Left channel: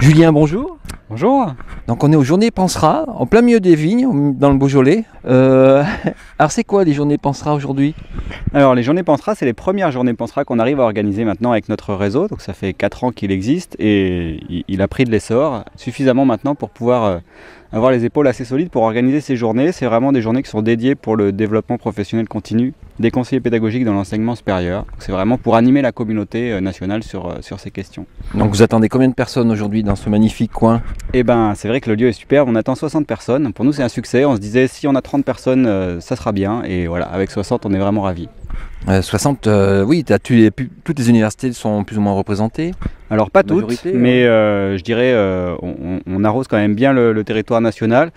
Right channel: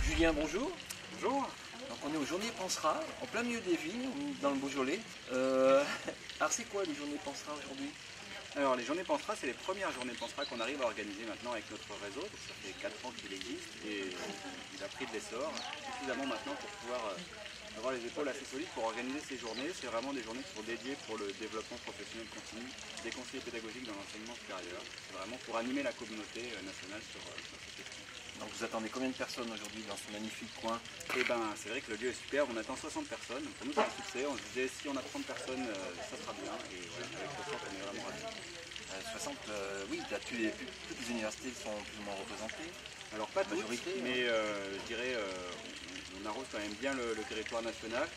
Julien, bonjour. Bonjour. Donc on est aux Journées Pansera, en plein milieu des vignes, dans le Beaujolais. Alors c'est quoi les Journées Pansera aujourd'hui? Alors les Journées Pansera, c'est les premières Journées Pansera qu'on arrive à organiser maintenant avec notre réseau. Donc ça fait 4 ans qu'il existe et il a pris de l'essor suffisamment maintenant pour pouvoir avoir les épaules assez solides pour organiser ces journées. C'est vraiment des journées qui sont dédiées pour le développement professionnel continu des conseillers pédagogiques dans l'enseignement supérieur. C'est vraiment pour animer la communauté nationale sur ces questions. Donc vous attendez combien de personnes aujourd'hui dans ce magnifique coin? Eh ben, c'est vrai que le lieu est superbe, on attend 60 personnes. Pour nous c'est un succès, on se disait si on a 30 personnes ça sera bien et voilà, avec 60 on est vraiment ravis. 60, oui, toutes les universités sont plus ou moins représentées. Alors pas toutes, Majorité, mais je dirais on arrose quand même bien le territoire national.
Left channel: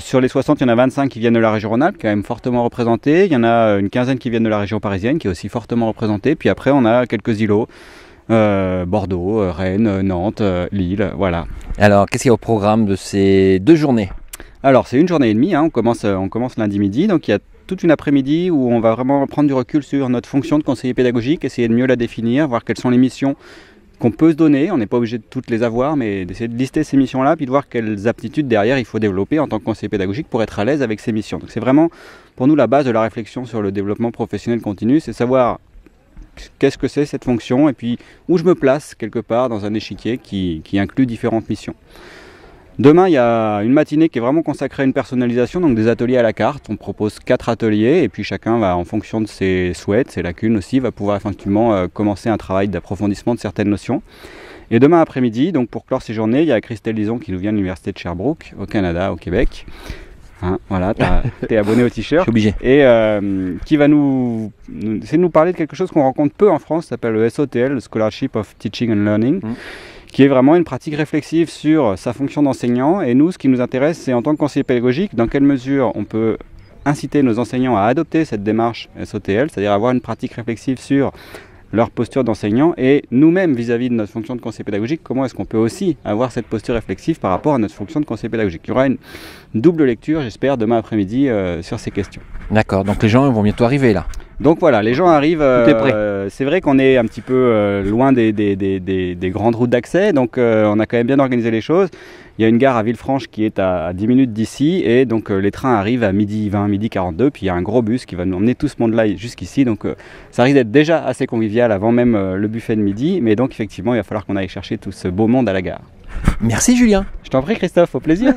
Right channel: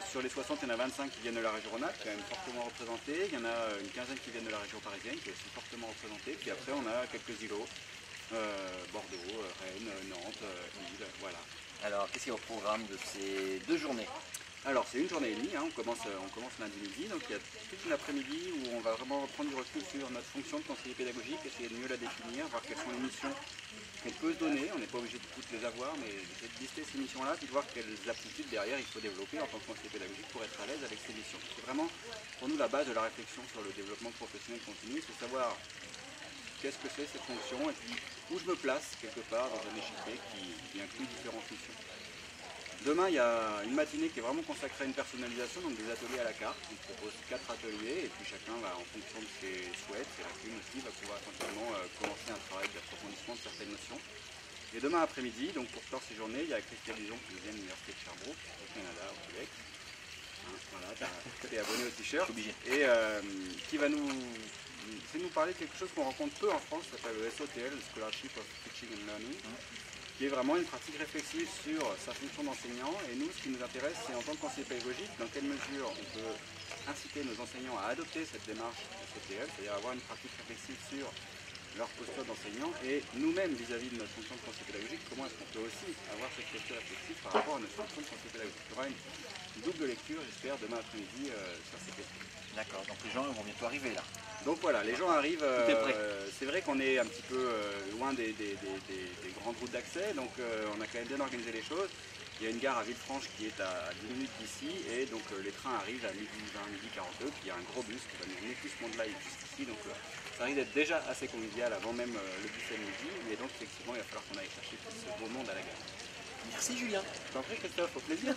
Sur les 60, il y en a 25 qui viennent de la région Rhône-Alpes, quand même fortement représentée. Il y en a une quinzaine qui viennent de la région parisienne, qui est aussi fortement représentée. Puis après, on a quelques îlots, Bordeaux, Rennes, Nantes, Lille, voilà. Alors qu'est-ce qu'il y a au programme de ces 2 journées? Alors c'est une journée et demie, hein. On commence lundi midi, donc il y a toute une après-midi où on va vraiment prendre du recul sur notre fonction de conseiller pédagogique, essayer de mieux la définir, voir quelles sont les missions qu'on peut se donner. On n'est pas obligé de toutes les avoir, mais d'essayer de lister ces missions-là, puis de voir quelles aptitudes derrière il faut développer en tant que conseiller pédagogique pour être à l'aise avec ces missions. Donc c'est vraiment pour nous la base de la réflexion sur le développement professionnel continu, c'est savoir qu'est-ce que c'est cette fonction et puis où je me place quelque part dans un échiquier qui inclut différentes missions. Demain, il y a une matinée qui est vraiment consacrée à une personnalisation, donc des ateliers à la carte. On propose 4 ateliers et puis chacun va, en fonction de ses souhaits, ses lacunes aussi, va pouvoir effectivement commencer un travail d'approfondissement de certaines notions. Et demain après-midi, donc pour clore ces journées, il y a Christelle Lison qui nous vient de l'université de Sherbrooke, au Canada, au Québec. Hein, voilà, t'es abonné au t-shirt. Je suis obligé. Et qui va essayer de nous parler de quelque chose qu'on rencontre peu en France, ça s'appelle le SOTL, le Scholarship of Teaching and Learning. Qui est vraiment une pratique réflexive sur sa fonction d'enseignant. Et nous, ce qui nous intéresse, c'est en tant que conseiller pédagogique, dans quelle mesure on peut inciter nos enseignants à adopter cette démarche SOTL, c'est-à-dire avoir une pratique réflexive sur leur posture d'enseignant, et nous-mêmes, vis-à-vis de notre fonction de conseiller pédagogique, comment est-ce qu'on peut aussi avoir cette posture réflexive par rapport à notre fonction de conseiller pédagogique. Il y aura une double lecture, j'espère, demain après-midi sur ces questions. D'accord, donc les gens vont bientôt arriver là. Donc voilà, les gens arrivent, Tout est prêt. C'est vrai qu'on est un petit peu loin des grandes routes d'accès, donc on a quand même bien organisé les choses. Il y a une gare à Villefranche qui est à 10 minutes d'ici, et donc les trains arrivent à midi 20, midi 42, puis il y a un gros bus qui va nous emmener tout ce monde-là jusqu'ici, donc ça risque d'être déjà assez convivial avant même le buffet de midi, mais donc effectivement il va falloir qu'on aille chercher tout ce beau monde à la gare. Merci Julien. Je t'en prie Christophe, au plaisir.